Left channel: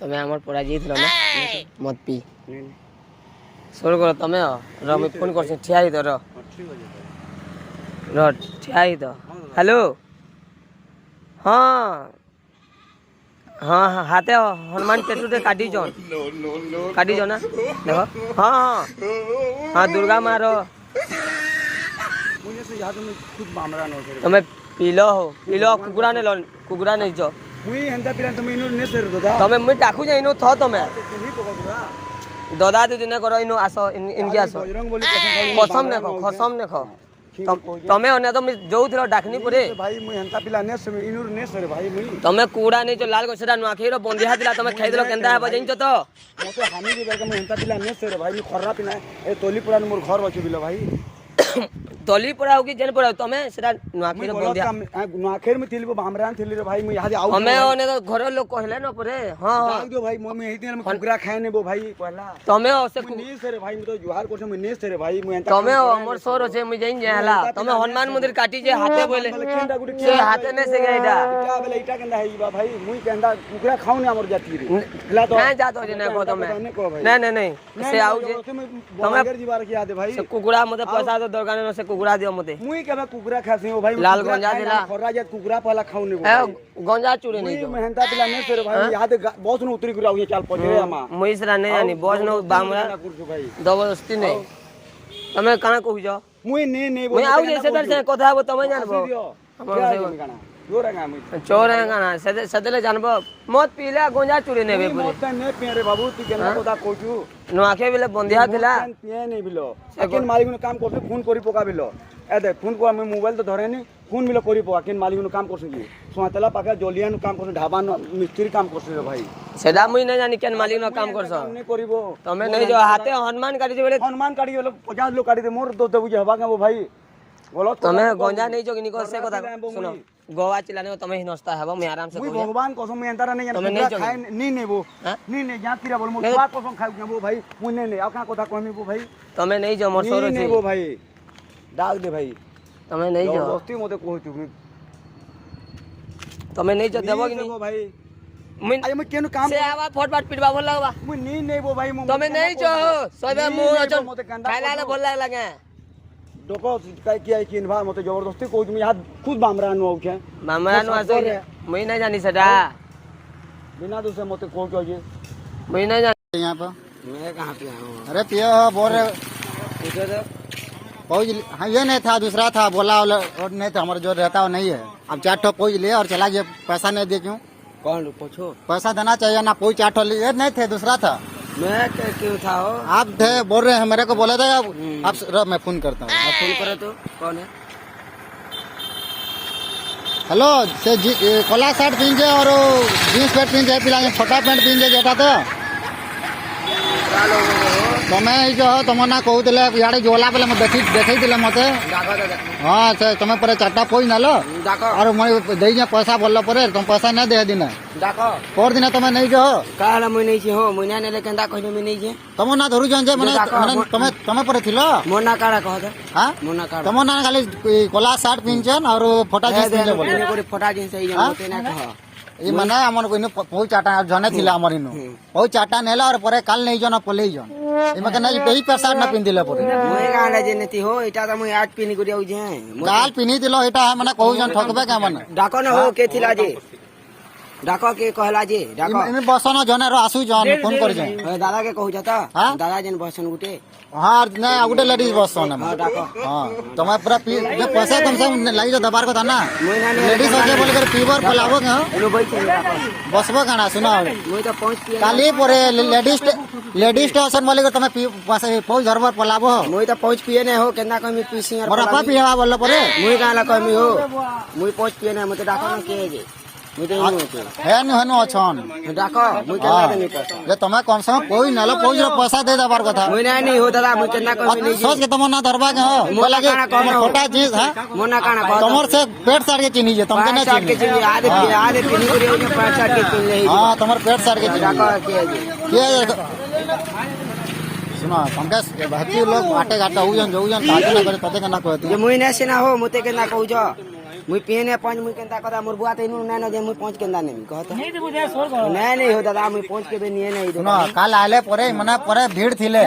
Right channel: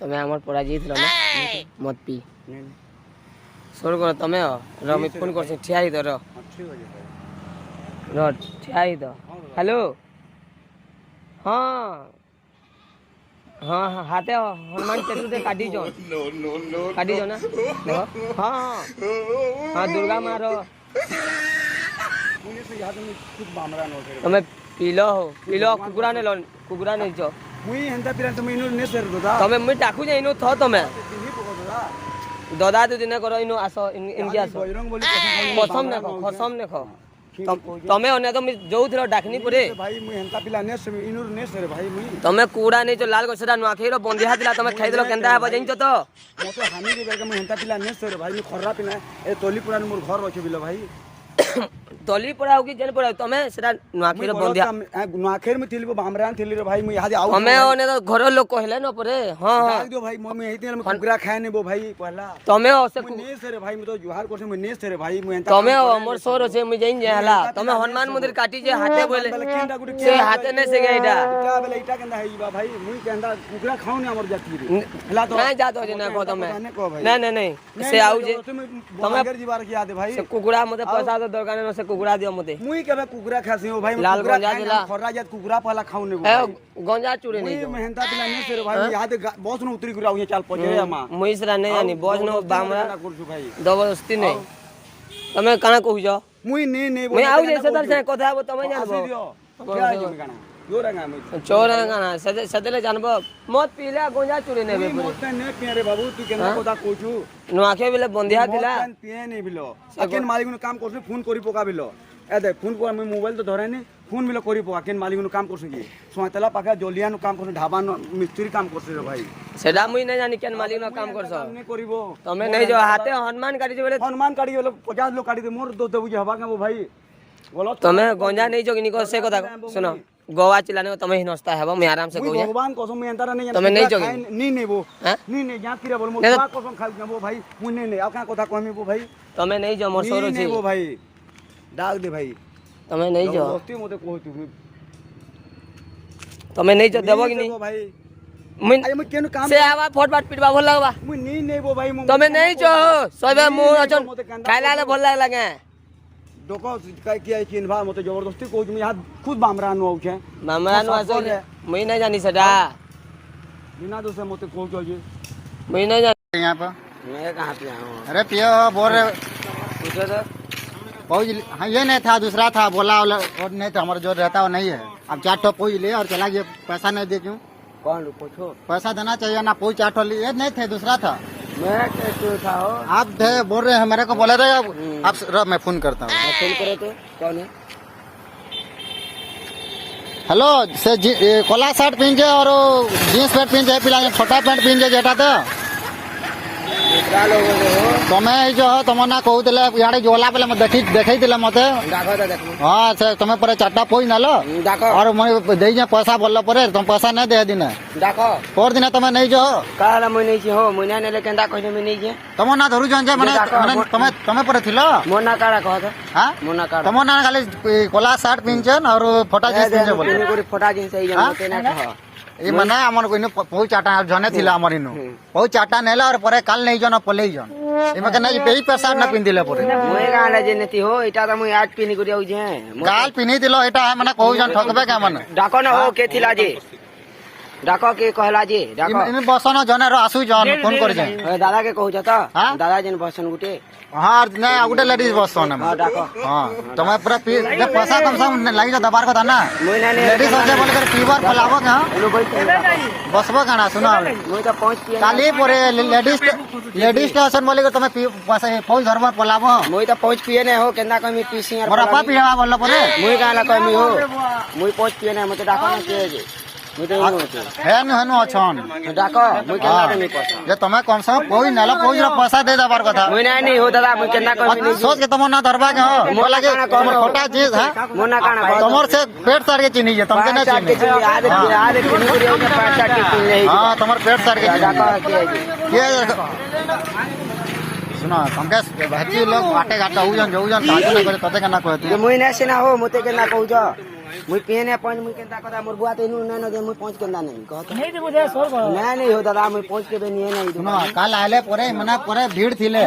तमे हमर पराजित न मत पी सोर कर तमे र मैं फोन कर ठिया ही तो र ठिया ही तो हेलो हाँ हाँ हाँ हाथे हनुमान पेटू से काटी जो ना देखो हाँ हाँ हाँ दुर्गा मारो तमे पीलो कुकुरा नहीं जो तमे मुई डाकू जे इनो थो तमे ददा दीदी ने करो इनो आसो इनके आसो कसम ने खो तमे ओने तो जो थरो डाकनी पड़े भाई मुई हंता पिला ने से इनुर ने से भाई मुई तमे कुकुरा नहीं जो लाल गसेरा नुआखेरो बंदिया दिला तमे खाइ देलो केनता है बजइन तो मते हानि के बेर मुई हंता पिला ने से भाई मुई खर्रा पिना ए तोली पुरान मोर घर रखे बिलो भाई तोली पड़ा होगी जेन पड़ा तमे सेरा नुआखेरो बंदिया नुआखेर में थिलबो बामरान थिली रे भाई मुई हादे आउ हमें ओने तो घर लोग कहले न परे हां डाक दियो भाई मुई हेती में कुकुरा खाए नेबो भाई पहला तमे से ने से रे भाई मुई तो जुहार करसे मुई ने से रे भाई मुई हंता तमे हमर सोर से मुई जइन जाला तमे हनुमान मंदिर काटी जे हाथे बोले से हाथे ने से गएडा इटा केंदा है बा भाई मुई केंदा कुकुरा खाऊ ने हमर जाती रे हला तो ना जातो जे ना को तमे नहीं से आउ जे तमे जीवार की याद भाई से कुकुरा मते पैसा तो दरकार न से कुकुरा दियो मते मुई केबे कुकुरा खासी हो भाई लाल गंजा दिला खर्रा जे कुकुरा पहला खाऊ ने गंजा चूरे नहीं जो मेहनता पिला ने से रे भाई याद बहुत न उतरी गुरा चाल पजरे आमा मुई सरा नहीं जानी बोझ न बामरा जबरदस्ती ने तमे काना कहू जो मुई ने मैं आउ जे से दर से कथा हो तमे जानबो जोरा गा मुई चोर है गाना सदले जानबो मत पीला गंजा चूरे ने बे मत ने पिए रे बाबू तू केना कथा कहू नुआखे बेले बंदिया दिला पिए नहीं बिलो सेकंड मालिक नु काम करते फोन करी पका बिलो ए दे फोन को मैं मोबाइल तो धरे नहीं फोन बिलो करी पका केन मालिक नु काम करसे जी सुमातला पाका जोलिया नु काम करसे ढाबा नु मिस्त्री काम करसे रे भाई सेदा मुई न जानी केन मालिक नु काम करसो नहीं करिवो तमे नहीं जो हाथे हनुमान काटी जे बेले हनुमान काटी गेलो 50 लोग काटी दे मोर दो बुझे हबा के वो भाई बोलो तमे गंजा नहीं जो किनी को से कथा सुनो गोवा चिल्लाने को तमे ही नस्ता है मैं आराम से कहू भगवान कसम मैं अंतरा नहीं तमे नहीं जो नहीं वो नहीं जाती रे बोल मो बा कसम खाउ के वो भाई मुई नहीं आ का कथा कहमी वो भाई तमे नहीं जो मोर सोरो छी वो भाई डाक दे भाई तमे नहीं जो दोस्ती मते कहू तू तमे नहीं जो देबो कि नहीं भाई मैं अरे मैं केनु काम से आवा फटफट पिटबा बोल लगबा मुई नहीं वो भाई तमे नहीं जो सबे मोर अचन खाइला ले बोल लगे डोको काय किया चिन्हवा मते जबरदस्ती कहू मैं हाथ खुद बामरान नु के मामरान आसे मैं नहीं जानी सदा बिना तो से मते कहू के जी मैं नहीं जानी यहाँ पर मैं कहां पे हूं अरे पियो बोल रहे पूछो तो पहुँच हाँ ये नहीं था दूसरा था बोला और नहीं था हमारा जो रहता वो नहीं है अब 4 ठो पहुँच लिए और चला गया पैसा नहीं दे क्यों कौन पूछो पैसा देना चाहिए ना पहुँच 4 ठो लिए नहीं थे दूसरा था मैं क्यों था हो आप थे बोल रहे हैं मेरे को बोला था आप मैं फोन करता हूँ फोन करो तो कौन है हेलो से कोला शर्ट पहन और जीन्स पैंट पहन पिला छोटा पैंट पहन जेटा तो तुम्हें जो तुम ना कहते इे जोला बेले देखी मत हाँ से तुम पर 4टा पोई नालो और मैं दे पैसा बोल पर तुम पैसा नहीं दे दिन और दिन तुम नहीं जो तुम ना धरू तुम पर थी तुम ना खाली कोला शर्ट पिंचन और फोटा जीन्स ये मना हमर कोइनो पौ 4टा जने थिला हमर इनो पौ 4टा नेला और परे काल नहीं जन पलेई जन इमे के नहीं पेही पैसा ना पिन दिले परे मोय काडा जे नती हो एटा त मोय आज पिनी करिया जे काल पिनी दिलो एटा मने कहू जन ठकबे के मने डाको ना हो के थिला जे डाको के कहला जे इमे बसन जने रो आसु जन फोन कर जे दादा के कहू जता दादा जिन बसन गुटे हाँ नहीं गोटे लेडीज बसन हाँ तुम पूरा पैसा कम से कम लगी जो दबार कथा ना लेडीज बसले बोल कर पीवर फलाबो के बसबो काना सुना काली परे लेडीज स्टेशन बोले कर तुम पहुंच घर पर पलाबो मोय त पहुंच पिए नहीं हो केना कमी पीसी और अपा पिएवा बोल परे मोय काना कमी हो मोय पहुंच पिए नहीं मते डाका ना के जे हेनु अछन जे तुम कम से कम कोई नालो कोई पैसा दे दबार कथा नहीं हो दादा मुझे केना कमी नहीं सोच के तुम ना धरबा के हो बोला के तुम छोटा चीज है तुमर से पेट सार के चिनी जे तुमके ना चिनी हां तुमर पेट सार के चिनी के सुना तुमके बहती लोग आटे घाटा हो जन जो जन काटे ना करे तते केना कहत मुई ना से ना हो मते केना कहू जो मुई पिए पाँच मुई केंता कदा मोर बुआ तेनु ना न जे मुई पाँच केंदा नहीं कहत नहीं दे मुझे सोर को नहीं हो दादा मुई पाँच के बे नहीं सुनो काल आइले परे मने परे भीड़ थिले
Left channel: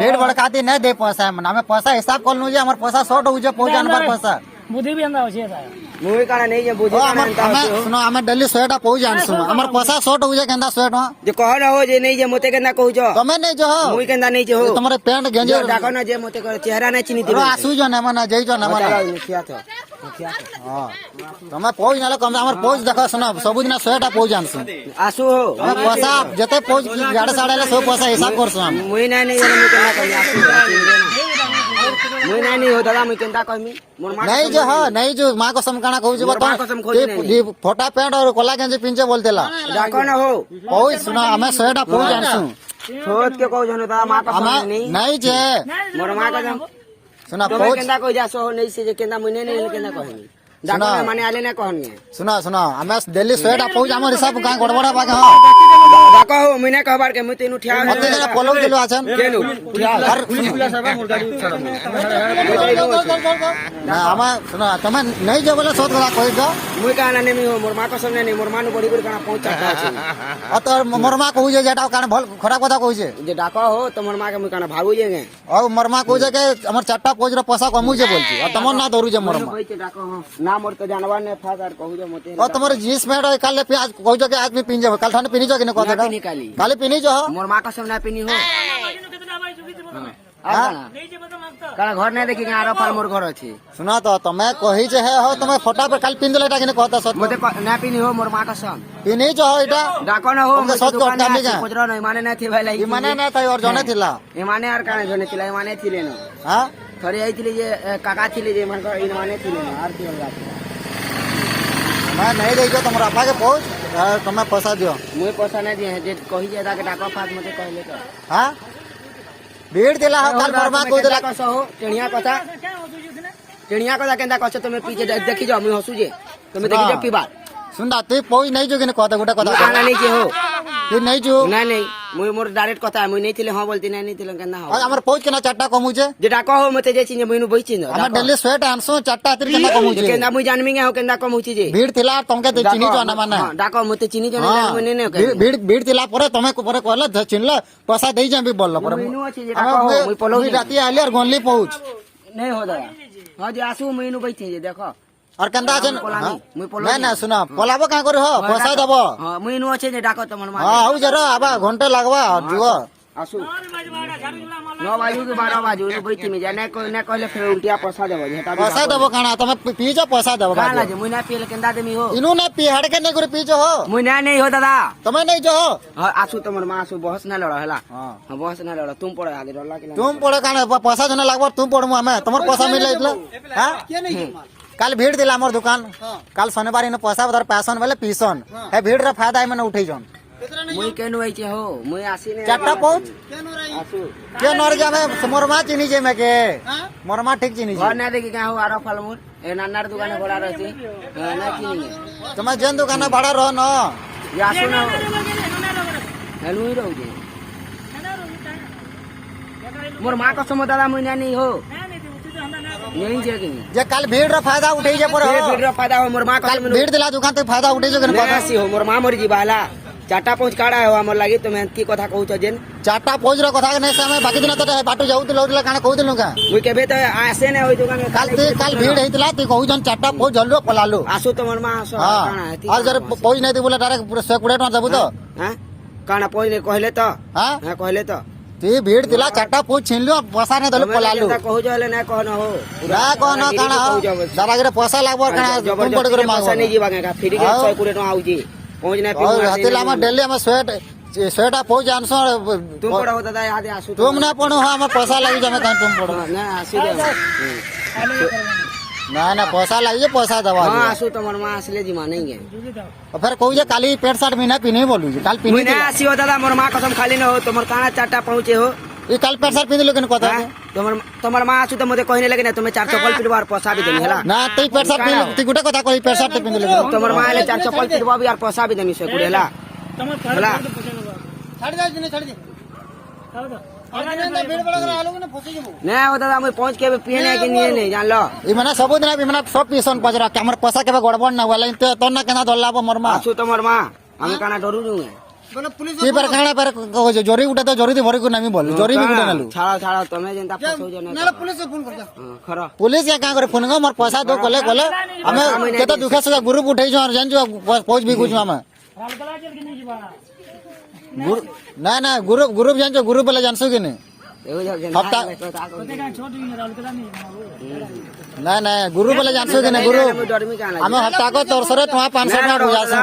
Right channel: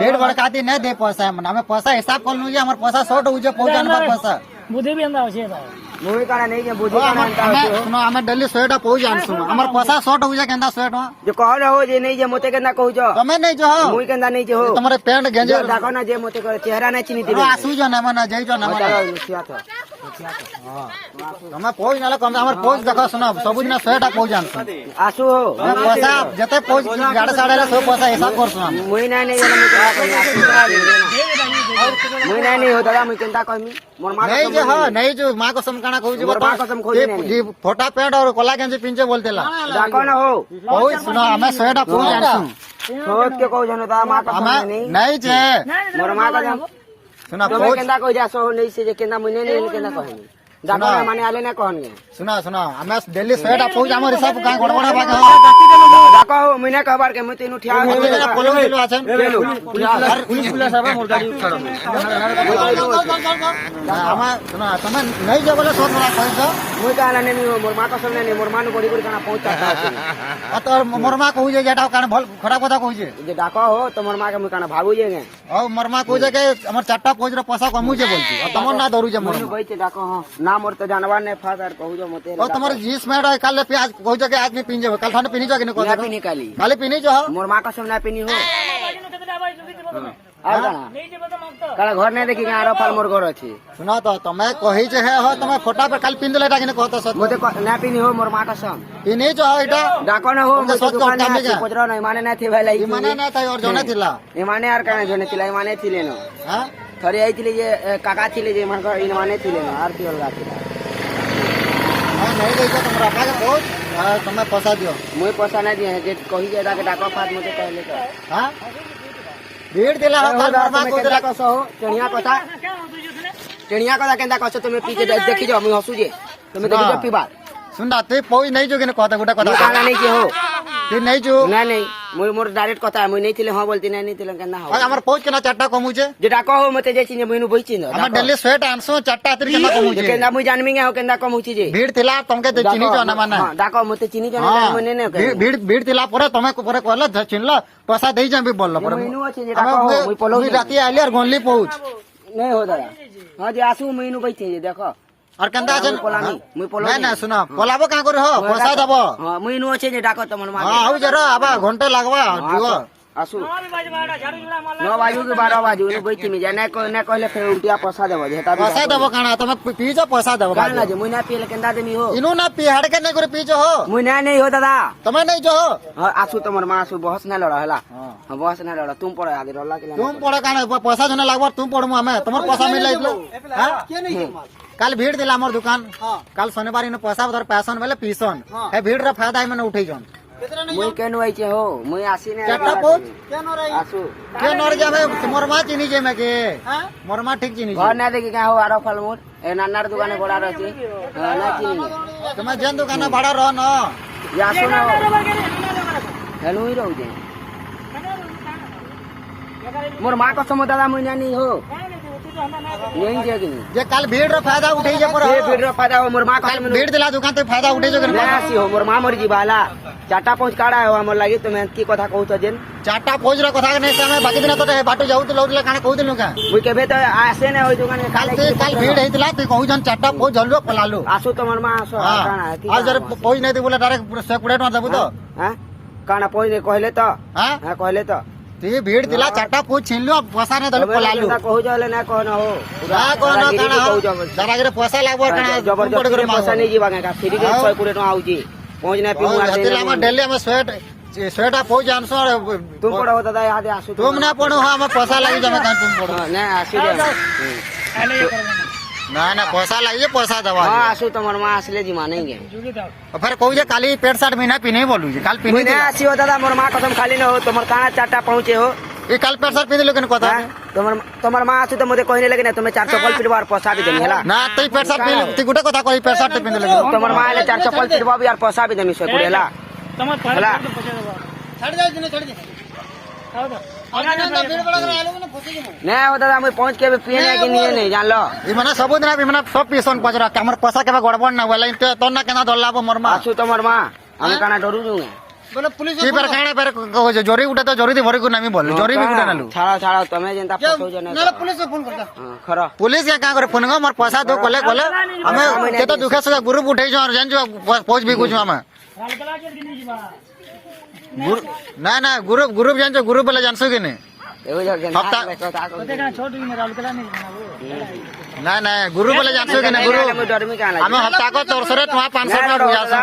भीड़ बड़काती नहीं दे पैसा मने हमें पैसा हिसाब कर लू जे हमर पैसा शॉर्ट हो जे पहुंचा हमर पैसा बुद्धि भी अंदा होछे ता मुई काना नहीं जे बुझे काना अंता हमें सुनो हमें दिल्ली 100 टा पहुंच जान सुनो हमर पैसा शॉर्ट हो जे केंदा 100 टा जे कह न हो जे नहीं जे मोते केंदा कहू जो तमे नहीं जो हो मुई केंदा नहीं जे हो तुम्हारे पेंट गेंजे डाको ना जे मोते कर चेहरा नहीं चिनी ओ दिबे आसु जो ना मना जई जो ना मना मुखिया था हां तमे पहुंच नाले कम हमर पहुंच देखो सुनो सब दिन 100 टा पहुंच जान सुनो आसू हो हमें पैसा जते पहुंच गाड़ी साड़े ला 100 पैसा हिसाब कर सुनो मुई नहीं मुई नहीं हो दादा मुई केंता कहमी मोर मां नहीं जो हो नहीं जो मां को समकाना कहू जे मोर मां कसम खोजी नहीं। ये फोटा पेंट और कोला गंजी पिंजे बोलतेला डाको ना हो पहुंच सुनो हमें 100 टा पहुंच जान सुनो छोट के कहू जनो दादा मां का हमें नहीं नहीं जे मोर मां का जम सुना तो पहुंच केंदा कह जा सो नहीं से जे केंदा मुई नहीं केंदा कहमी डाको ना माने आले ना कहनी सुना सुना हमें दिल्ली 100 टा पहुंच हमर हिसाब गाय गड़बड़ा बागा डाको हो मुई ना कहबार के मुई तेनु ठिया मते जना पोलो दिलो आछन गेलु पुलिस सब मोर गाड़ी हमें सुना तमे नहीं जो बोले सब गला कहू तो मुई काना नहीं मोर मां का सामने नहीं मोर मां बड़ी बड़ी काना पहुंचा आ तो मरमा कहू जे जेटा कान भल खराब କଥା कहू जे जे डाको हो तो मोर मां के मुई काना भागू जेगे और मरमा कहू जे के हमर चारटा पहुंच रो पैसा कमू जे बोलती आ तमन ना दरू जे मरमा भाई ते डाको हां ना मोर तो जानवर ने फादर कहू जो मते और तुम्हारे जींस में और काले प्याज कहू जे के आदमी पिंजे काल थाने पिनी जो के ना कहू निकाली काले पिनी जो मोर मां का सामने पिनी हो कितना भाई सुधी बता नहीं जे बता मांगता काला घर नहीं देखी आरो फाल मोर घर अछि सुना तो तमे कही जे है हो तमे फोटा पर काल पिन देलेटा के कहता सत मते ना पिनी हो मोर मां का साम पिनी जो हो एटा डाको ना हो तुमके सच कहता नहीं जा खोजरो नहीं माने ना थी भाई लाई ई माने ना तई और जने थिला ई माने यार काने जने थिला माने थिले ना हां खरी आई थिले जे काका थिले जे मन ई माने थिले ना आर की अलगा थिला मैं नहीं रही जो तुमरा अपना के पहुंच तमे पैसा दियो मुई पैसा ना जे जे कही जे डाके डाको फाद मते कहले तो हां भीड़ दिला हो काल मरमा को दिला का सो टेणिया कथा क्या हो तुझे सुने टेणिया कथा केंदा कछ तुम पीके देखि जाओ मुई हसु जे तुम देखि जाओ पीबा सुनदा तू पहुंच नहीं जो के कहता गोटा ना कथा नहीं जे हो तू नहीं जो ना नहीं मुई मोर डायरेक्ट कथा है मुई नहीं थिले हां बोलती नहीं थिले केंदा हो और हमर पहुंच के ना चारटा कमू जे जे डाको हो मते जे चिने मुईनु बइचिन हमर दिल्ली स्वेट आनसो चारटा अतिर के ना कमू जे केंदा मुई जानमी गे हो केंदा कम होची जे भीड़ थिला तुमके तो चिनी जो ना माने डाको मते चिनी जे हां मुई ने भीड़ भीड़ थिला परे तमे को परे कहला चिनला पैसा देई जा भी बोलला परे हमें राती आइले और गोनली पहुंच नहीं हो दादा हां जे आसु मुईनु बइचिन जे देखो और कंदा छन मुई पोलो नहीं ना सुना पलाबो का करे हो पैसा दबो हां मुईनु अछि जे डाको तमन मा हां आउ जरा आबा घंटे लागबा जुआ आसु और बाज बाड़ा झाड़ू जुड़ा मार 9 बाजू के 12 बाजू ने बइचिन जे ना कहले फेर रुपया पैसा देबो जे पैसा दबो काना तमे पी जा पैसा दबो बाद जे मुई ना पीले केंदा देमी हो इनु ना पी हड़ के नहीं करे पी जो हो मुई ना नहीं हो दादा तमे नहीं जो हो हां आसु तमर मा आसु बहस ना लड़ा हला हां हां बहस ना लड़ा तुम पड़े आगे डरला के तुम पड़े काना पैसा जने लागबो तुम पड़मु हमें तुमर पैसा मिल लाइलो हां के नहीं काल भीड़ दिला हमर दुकान काल शनिवार ने पैसा उधर पैसन वाले पीसन है भीड़ रे फायदा है मैंने उठे जन मुई केनु आई छे हो मुई आसी ने चारटा पहुंच क्या न रही आसु के नर जा में मोरमा चिनी जे में के मोरमा ठीक चिनी घर ना देखी का हो आरो फल मोर ए नानार दुकाने बड़ा रहती ना की तुम जेन दुकान भाड़ा रह न या आसु ना ना लगा हेनु ही रहू जे मोर मां को समझ दादा मुई नहीं हो नहीं जे कि जे काल भीड़ रे फायदा उठे जे पर ये फिर फायदा हो मोर मां का काल भीड़ दिला दुकान तो फायदा उठे जे ना आसी हो मोर मां मोर जी बाला चाटा पहुंच काड़ा है हमर लागे तो मैं की कथा कहू छ जेन चारटा पहुंच रे कथा नहीं समय बाकी दिन तो बाटो जाऊ तो लौटला काना कहू दिनु का मुई केबे तो आसे ने होई दुकाने काल भीड़ हेतला तू कहू जन चारटा पहुंच जल्लो पलालो आसु तो मोर मां आसो काना हां है आज जर पहुंच नहीं दे बोले डायरेक्ट 120 टका देबो तो हां काना पहुंच ने कहले तो हां हां कहले तो ती भीड़ दिला चारटा पहुंच छीन लो पैसा नहीं दलो पलालो कहू जले ना कहना हो ना कहना काना जरा पैसा लागबो काना जबरदस्ती पैसा नहीं जीवा का फ्री के 120 टका आउजी पहुंच ने पिऊ हतिला में डेली में स्वेटा पहुंच आनसो तुम पढ़ो दादा याद आसु तुम ना पढ़ो हो हमें पैसा लगी जमे कान तुम पढ़ो ना आसु ना ना पैसा लगी पैसा दवा हां आसु तमर मां असले जी मां नहीं गे और फिर कहू जे काली पेट शर्ट में ना पिने बोलू जे काल पिने ना आसी हो दादा मोर मां कसम खाली ना हो तमर काना चाटा पहुंचे हो ये काल पेट शर्ट पिने लेकिन कथा तमर मां आसु तो मते कहने लगे ना तुम्हें 400 कल पिटवार पैसा भी देनी हला ना तई पेट शर्ट पिने तू गुटे कथा कही पेट शर्ट पिने लेकिन तमर मां ले 400 कल पिटवा भी यार पैसा भी देनी से कुड़ेला तुम्हारे छड़ दे छड़ दे नहीं वो दादा मैं पहुंच के पिए नहीं कि नहीं नहीं जान लो इमना सबुदिन इमना सब पीसन पजरा के हमर पैसा केबे गड़बड़ ना होला इनते तो ना केना धरलाबो मरमा अच्छो तुम्हार मां हम काना डरू नु की पर खाना पर कहो जे जोरी उठे तो जोरी दे भरी को नामी बोल जोरी भी गुडे नालू छाड़ा तुम्हें जनता फसो जने नाले पुलिस से फोन कर खरा पुलिस के का करे फोन गो मोर पैसा दो कोले हमें केतो दुखे से ग्रुप उठै जो और जान जो पहुंच भी कुछ हमें ना ना ग्रुप जान जो ग्रुप वाला जानसो कि नहीं हफ्ता ना ना गुरु बोले जानसो कि ना गुरु हमें हफ्ता को 300 टका 500 टका बुझासो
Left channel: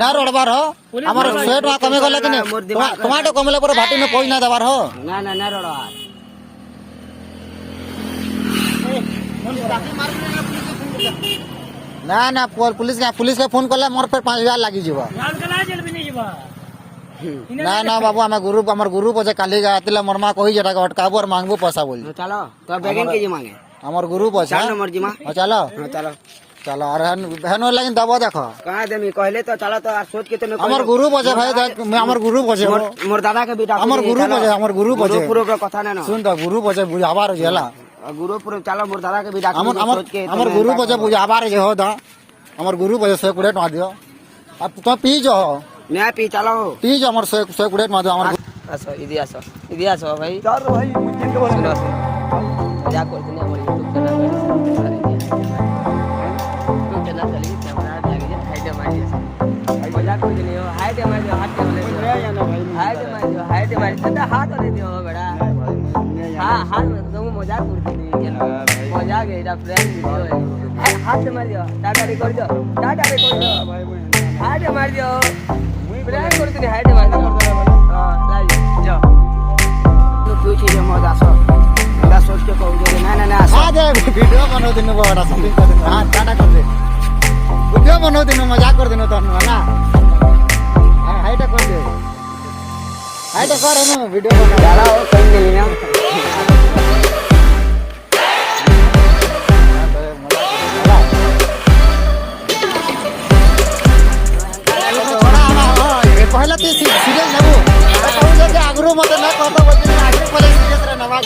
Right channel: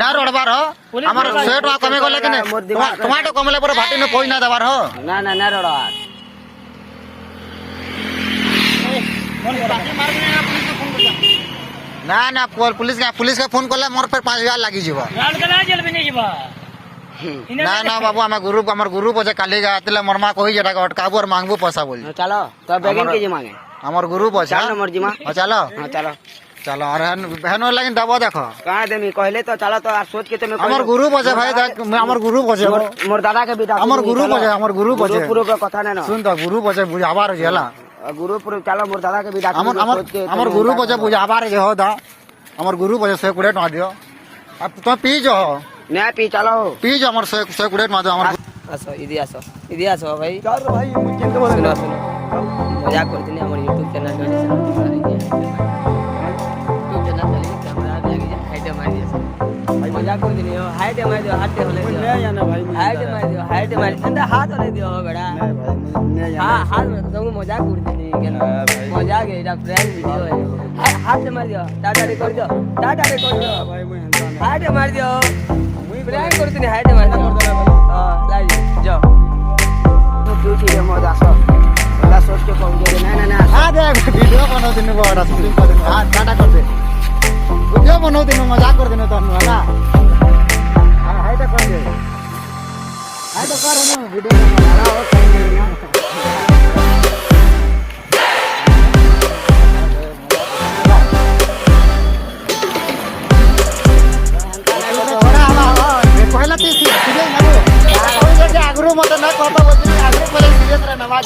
ना रोडबार हो हमर 100 टका कमे गले कि टमाटो कमले पर भाटी में कोई ना दबार हो ना ना ना रोडा ना ना पुलिस के फोन करले मोर पर 5000 लागी जीवा ना ना बाबू हमें हमर गुरु बजे काली गातले मरमा कहि जेटा अटकाबो और मांगबो पैसा बोल चलो तो बेगिन के जे मांगे हमर गुरु बजे चलो मर्जी मां चलो हां चलो चलो और बहन लेकिन दबो देखो कहां देनी कहले तो चलो तो आप सोच के तुम हमर गुरु बजे भाई हमर गुरु बजे मोर दादा के बेटा हमर गुरु बजे गुरु का कथा नहीं ना सुन तो गुरु बजे बुझाबार जेला गुरु चलो मोर दादा के बेटा हमर गुरु बजे बुझाबार जे हो दा हमर गुरु बजे 100 टका दियो अब तो पी जो मैं पी चलो पी जो हमर 100 टका दो हमर आसो इदी आसो भाई चार भाई मुझे तो सुनो मजाक करते नहीं हमारे यूट्यूब चैनल में यूट्यूब चैनल चलिए कैमरा भी आगे हाइट हमारी मजाक करते नहीं हो हाइट हमारी हाथ पे वाले हाइट हमारी अंदर हाथ वाले दियो बड़ा हां हाथ में तो मजाक करते नहीं मजाक है जब फ्रेंड वीडियो है हाथ से मार दियो टाटा रिकॉर्ड दो हाथ मार दियो फ्रेंड करते नहीं हाइट मार दियो हां लाई जाओ पूछ ले मोर सोच के पहुंचो ना ना आ दे वीडियो बनो दिन बड़ा शूटिंग कर दिन हां टाटा कर दे वीडियो बनो दिन मजाक कर दिन तो वाला हां हाइट कर दे हाइट कर ना वीडियो यार कहीं नहीं है पहला तीस सीरियस ना वो कहू जे आगरू मत ना कहता बोल आगरू पहले सीरियस रहना